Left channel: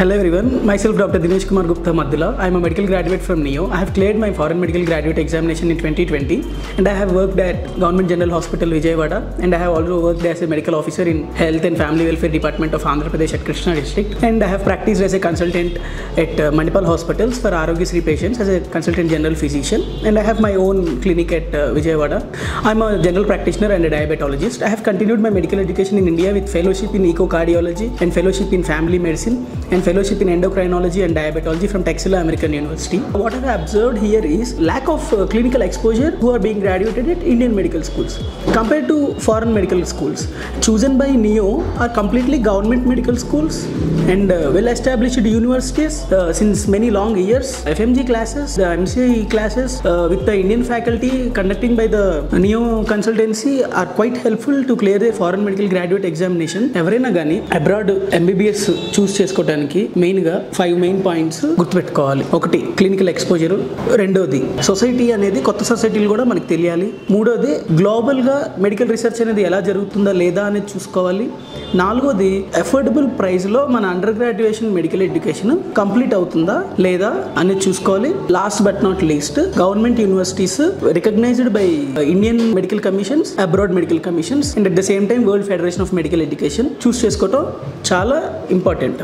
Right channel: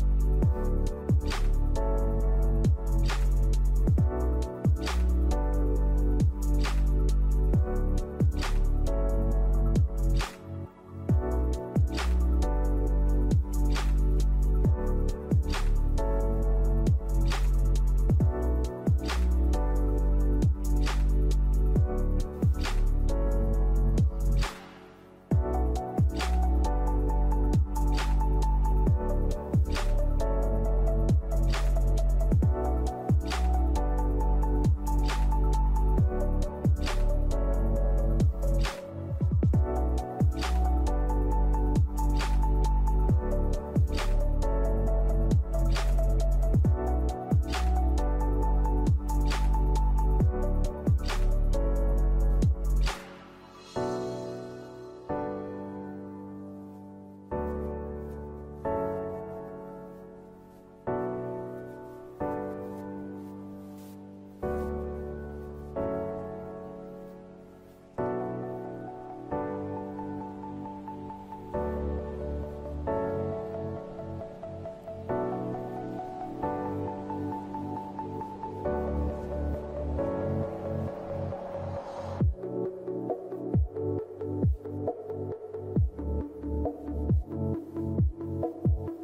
Hello everyone, myself Dr. Dinesh Kumar Gupta Maddula. I am a medical graduate from NEO. I have cleared my foreign medical graduate examination in 2020 and I have worked at Government General Hospital Vijayawada and I have also worked as a medical officer in Health and Family Welfare Department of Andhra Pradesh at Krishna district, and I have practiced as a consultant at Manipal hospitals for Arogyasri patients as a consultant general physician, and I have my own clinic at Vijayawada. I am a general practitioner and a diabetologist. I have continued my medical education in India with fellowship in echocardiology and fellowship in family medicine and fellowship in endocrinology and diabetology from Texila American University. What I have observed here is lack of clinical exposure who are being graduated at Indian medical schools compared to foreign medical schools. Chosen by NEO are completely government medical schools and well-established universities since many long years. FMG classes, the MCI classes with the Indian faculty conducting by the NEO consultancy are quite helpful to clear the foreign medical graduate examination. ఎవరైనా కానీ abroad MBBS చూస్ చేసుకోవడానికి మెయిన్గా 5 main points గుర్తుపెట్టుకోవాలి. ఒకటి clinical exposure, రెండోది society అనేది కొత్త సొసైటీలు కూడా మనకు తెలియాలి, మూడోది గ్లోబల్గా మెడికల్ రీసెర్చ్ అనేది ఎలా జరుగుతుందా లేదా అనేది చూసుకోవాలి, నాలుగోది అఫోర్డబుల్ ప్రైస్లో మన under graduation medical education complete అవుతుందా లేదా అనేది చూసుకోవాలి. Last but not least, government universities recognised by Indian medical commissions, abroad medical commissions and at the same time world federation of medical education choose చేసుకోవటం చాలా important.